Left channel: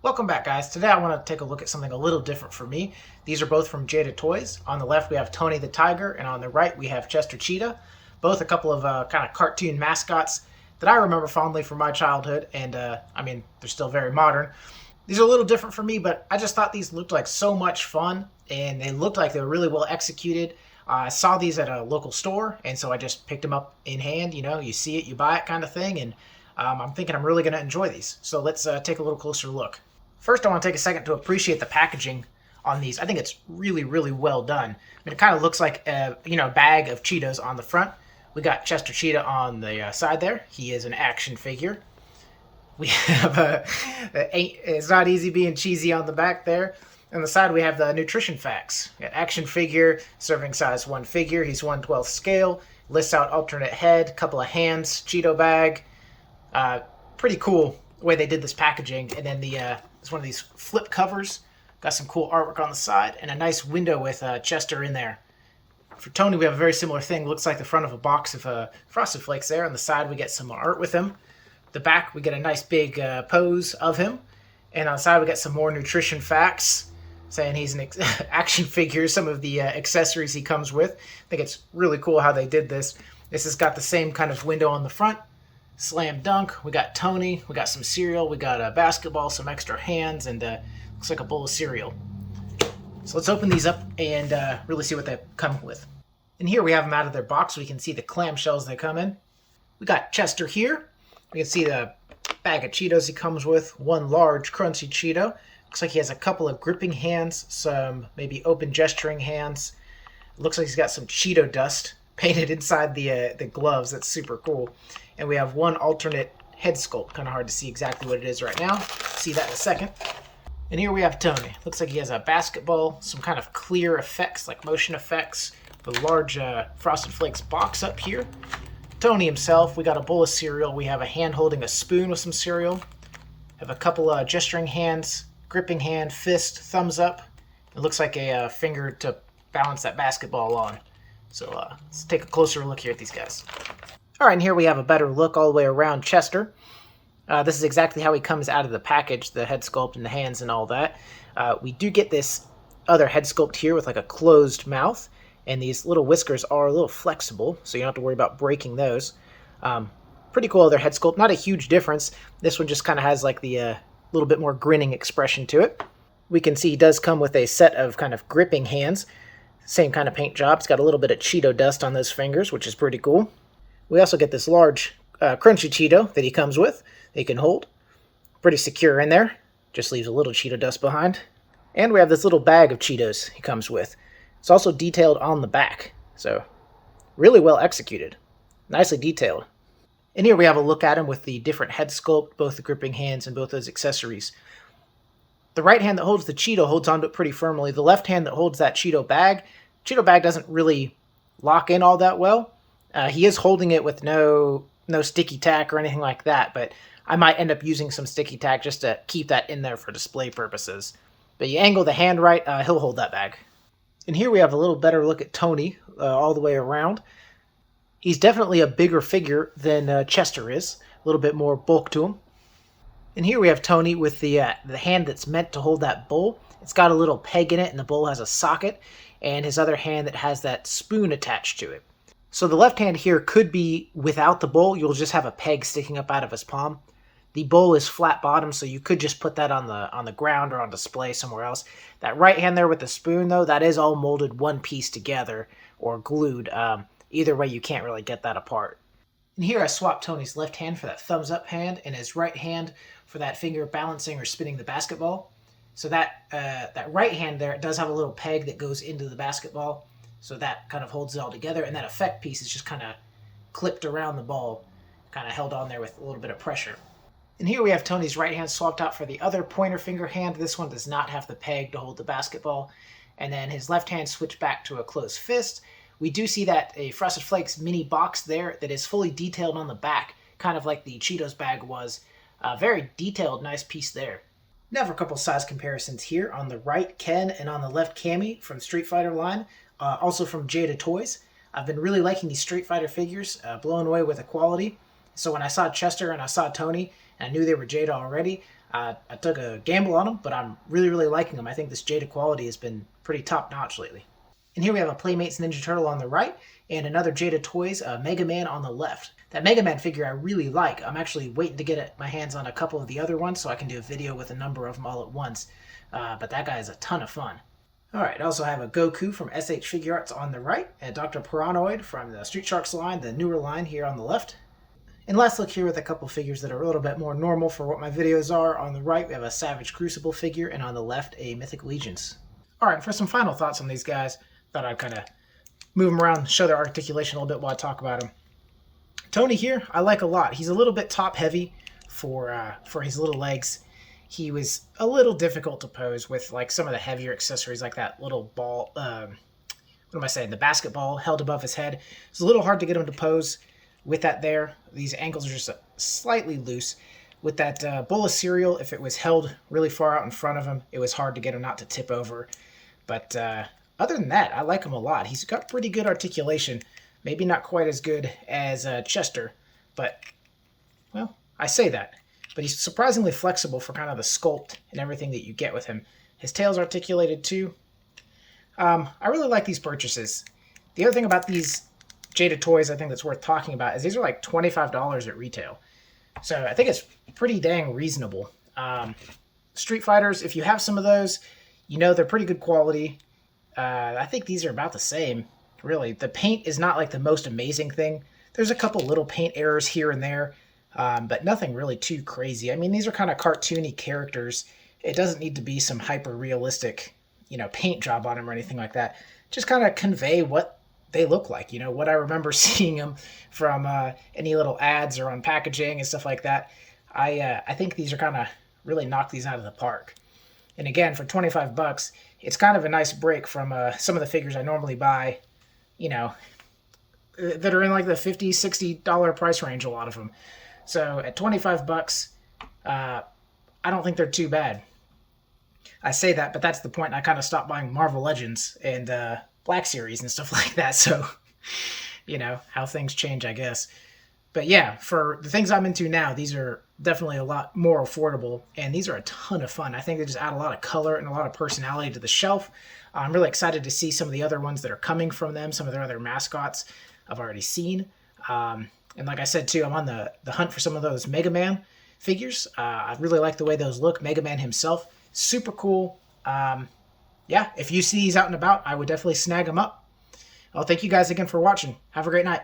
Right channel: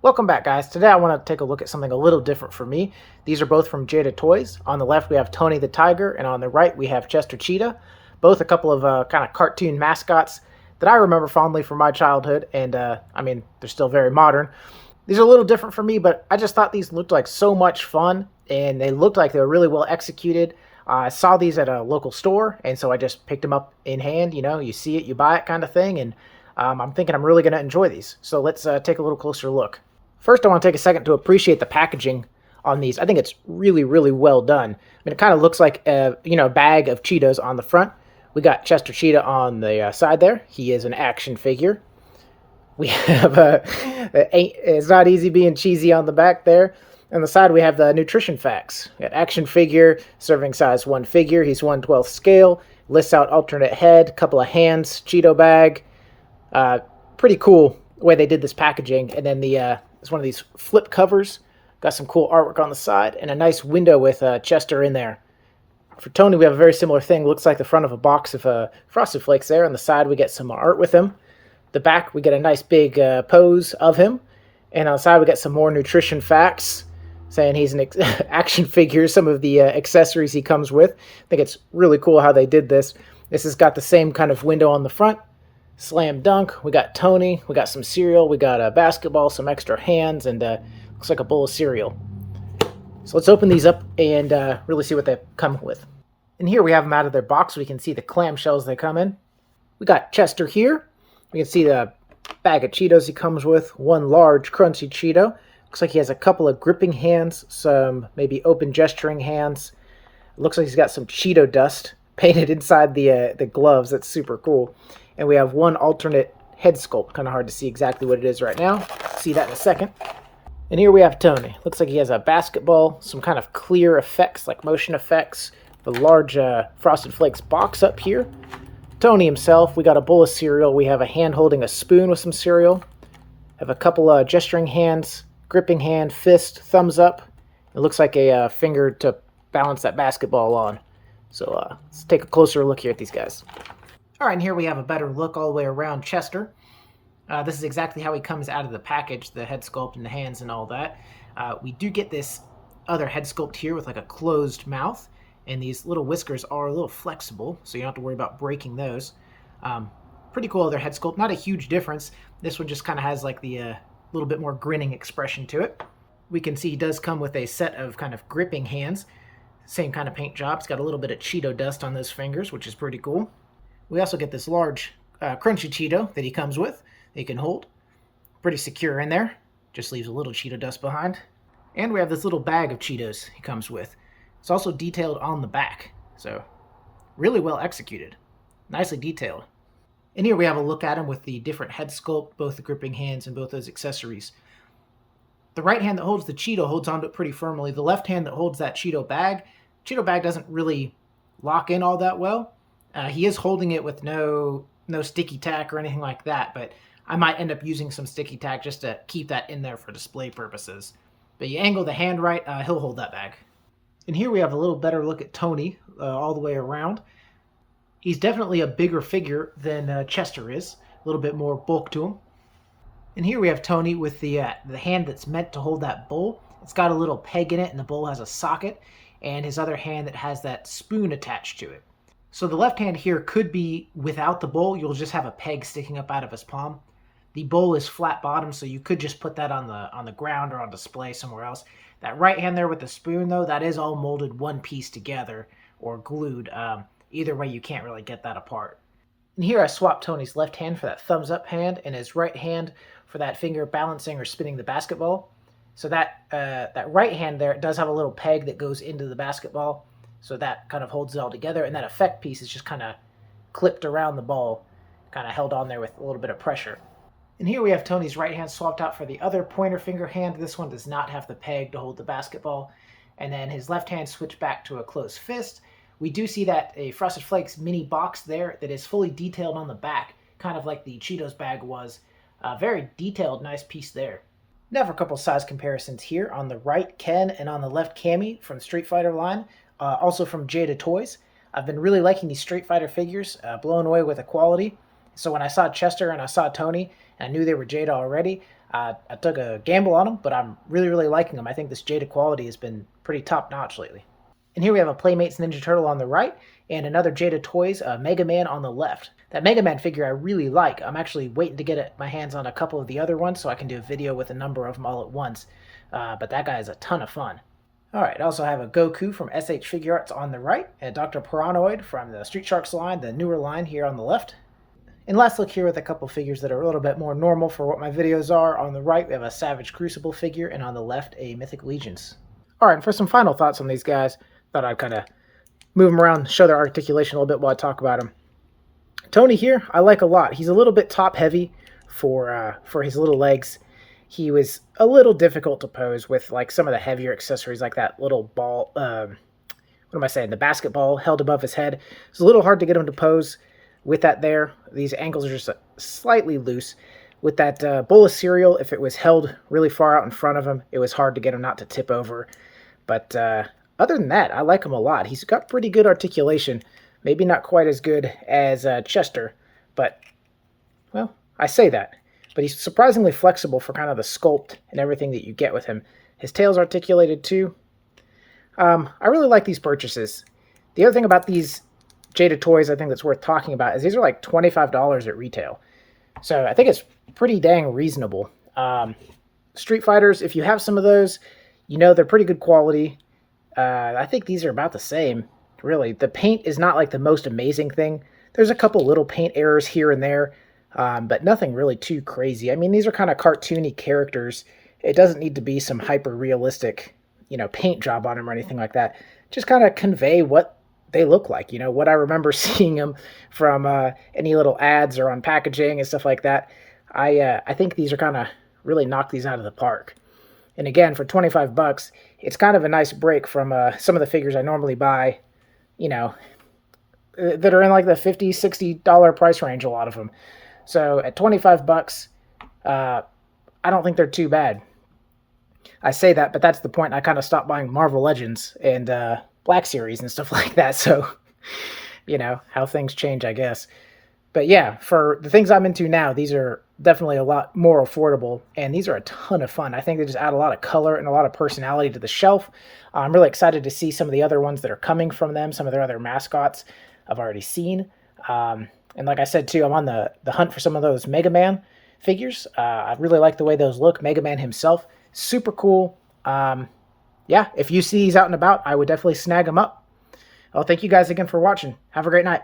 Welcome back, guys. Today I want to take a look at something a little different for me. These are both from Jada Toys. On the left we have Tony the Tiger, and on the right we have Chester Cheetah. Both a couple of kind of cartoon mascots that I remember fondly from my childhood, and they're still very modern. These are a little different for me, but I just thought these looked like so much fun, and they looked like they were really well executed. I saw these at a local store, and so I just picked them up in hand. You know, you see it, you buy it kind of thing, and I'm thinking I'm really going to enjoy these. So let's take a little closer look. First, I want to take a second to appreciate the packaging on these. I think it's really, really well done. I mean, it kind of looks like a bag of Cheetos on the front. We got Chester Cheetah on the side there. He is an action figure. We have it's not easy being cheesy on the back there. On the side, we have the nutrition facts. We got action figure, serving size 1 figure. He's 1/12 scale. Lists out alternate head, couple of hands, Cheeto bag. Pretty cool the way they did this packaging. And then it's one of these flip covers. Got some cool artwork on the side and a nice window with Chester in there. For Tony, we have a very similar thing. Looks like the front of a box of Frosted Flakes there. On the side, we get some art with him. The back, we get a nice big pose of him. And on the side, we get some more nutrition facts saying he's an action figure, some of the accessories he comes with. I think it's really cool how they did this. This has got the same kind of window on the front. Slam dunk. We got Tony. We got some cereal. We got a basketball, some extra hands, and looks like a bowl of cereal. So let's open these up and really see what they come with. And here we have them out of their box. We can see the clamshells they come in. We got Chester here. We can see the bag of Cheetos he comes with. One large crunchy Cheeto. Looks like he has a couple of gripping hands, some maybe open gesturing hands. Looks like he's got some Cheeto dust painted inside the gloves. That's super cool. And we have one alternate head sculpt. Kind of hard to see exactly what it is right now. See that in a second. And here we have Tony. Looks like he has a basketball, some kind of clear effects, like motion effects. A large Frosted Flakes box up here. Tony himself, we got a bowl of cereal. We have a hand holding a spoon with some cereal. Have a couple of gesturing hands, gripping hand, fist, thumbs up. It looks like a finger to balance that basketball on. So let's take a closer look here at these guys. All right, and here we have a better look all the way around Chester. This is exactly how he comes out of the package, the head sculpt and the hands and all that. We do get this other head sculpt here with like a closed mouth, and these little whiskers are a little flexible, so you don't have to worry about breaking those. Pretty cool other head sculpt, not a huge difference. This one just kind of has like the little bit more grinning expression to it. We can see he does come with a set of kind of gripping hands. Same kind of paint job. It's got a little bit of Cheeto dust on those fingers, which is pretty cool. We also get this large crunchy Cheeto that he comes with that he can hold. Pretty secure in there. Just leaves a little Cheeto dust behind. And we have this little bag of Cheetos he comes with. It's also detailed on the back. So really well executed. Nicely detailed. And here we have a look at him with the different head sculpt, both the gripping hands and both those accessories. The right hand that holds the Cheeto holds onto it pretty firmly. The left hand that holds that Cheeto bag doesn't really lock in all that well. He is holding it with no sticky tack or anything like that, but I might end up using some sticky tack just to keep that in there for display purposes. But you angle the hand right, he'll hold that bag. And here we have a little better look at Tony all the way around. He's definitely a bigger figure than Chester is, a little bit more bulk to him. And here we have Tony with the hand that's meant to hold that bowl. It's got a little peg in it, and the bowl has a socket, and his other hand that has that spoon attached to it. So the left hand here could be without the bowl. You'll just have a peg sticking up out of his palm. The bowl is flat bottom, so you could just put that on the ground or on display somewhere else. That right hand there with the spoon, though, that is all molded one piece together or glued. Either way, you can't really get that apart. And here I swapped Tony's left hand for that thumbs up hand and his right hand for that finger balancing or spinning the basketball. So that right hand there, it does have a little peg that goes into the basketball. So that kind of holds it all together. And that effect piece is just kind of clipped around the ball, kind of held on there with a little bit of pressure. And here we have Tony's right hand swapped out for the other pointer finger hand. This one does not have the peg to hold the basketball. And then his left hand switched back to a closed fist. We do see that a Frosted Flakes mini box there that is fully detailed on the back, kind of like the Cheetos bag was. Very detailed, nice piece there. Now for a couple size comparisons here. On the right, Ken, and on the left, Cammy from Street Fighter line. Also from Jada Toys. I've been really liking these Street Fighter figures, blown away with the quality. So when I saw Chester and I saw Tony, and I knew they were Jada already, I took a gamble on them, but I'm really, really liking them. I think this Jada quality has been pretty top-notch lately. And here we have a Playmates Ninja Turtle on the right, and another Jada Toys Mega Man on the left. That Mega Man figure I really like. I'm actually waiting to get my hands on a couple of the other ones so I can do a video with a number of them all at once. But that guy is a ton of fun. Alright, I also have a Goku from SH Figure Arts on the right, and Dr. Piranoid from the Street Sharks line, the newer line, here on the left. And last look here with a couple figures that are a little bit more normal for what my videos are. On the right, we have a Savage Crucible figure, and on the left, a Mythic Legions. Alright, for some final thoughts on these guys, thought I'd kind of move them around, show their articulation a little bit while I talk about them. Tony here, I like a lot. He's a little bit top-heavy for his little legs. He was a little difficult to pose with like some of the heavier accessories, like that little ball, what am I saying, the basketball held above his head. It's a little hard to get him to pose with that there. These ankles are just slightly loose. With that bowl of cereal, if it was held really far out in front of him, it was hard to get him not to tip over. But other than that, I like him a lot. He's got pretty good articulation. Maybe not quite as good as Chester, but, well, I say that. But he's surprisingly flexible for kind of the sculpt and everything that you get with him. His tail's articulated too. I really like these purchases. The other thing about these Jada Toys I think that's worth talking about is these are like $25 at retail. So I think it's pretty dang reasonable. Street Fighters, if you have some of those, you know they're pretty good quality. I think these are about the same, really. The paint is not like the most amazing thing. There's a couple little paint errors here and there. But nothing really too crazy. I mean, these are kind of cartoony characters. It doesn't need to be some hyper-realistic, paint job on them or anything like that. Just kind of convey what they look like, what I remember seeing them from any little ads or on packaging and stuff like that. I think these are kind of really knock these out of the park. And again, for $25, it's kind of a nice break from some of the figures I normally buy, that are in like the $50, $60 price range, a lot of them. So at $25, I don't think they're too bad. I say that, but that's the point. I kind of stopped buying Marvel Legends and Black Series and stuff like that. So, how things change, I guess. But yeah, for the things I'm into now, these are definitely a lot more affordable. And these are a ton of fun. I think they just add a lot of color and a lot of personality to the shelf. I'm really excited to see some of the other ones that are coming from them. Some of their other mascots I've already seen. And like I said, too, I'm on the hunt for some of those Mega Man figures. I really like the way those look. Mega Man himself, super cool. Yeah, if you see these out and about, I would definitely snag them up. Well, thank you guys again for watching. Have a great night.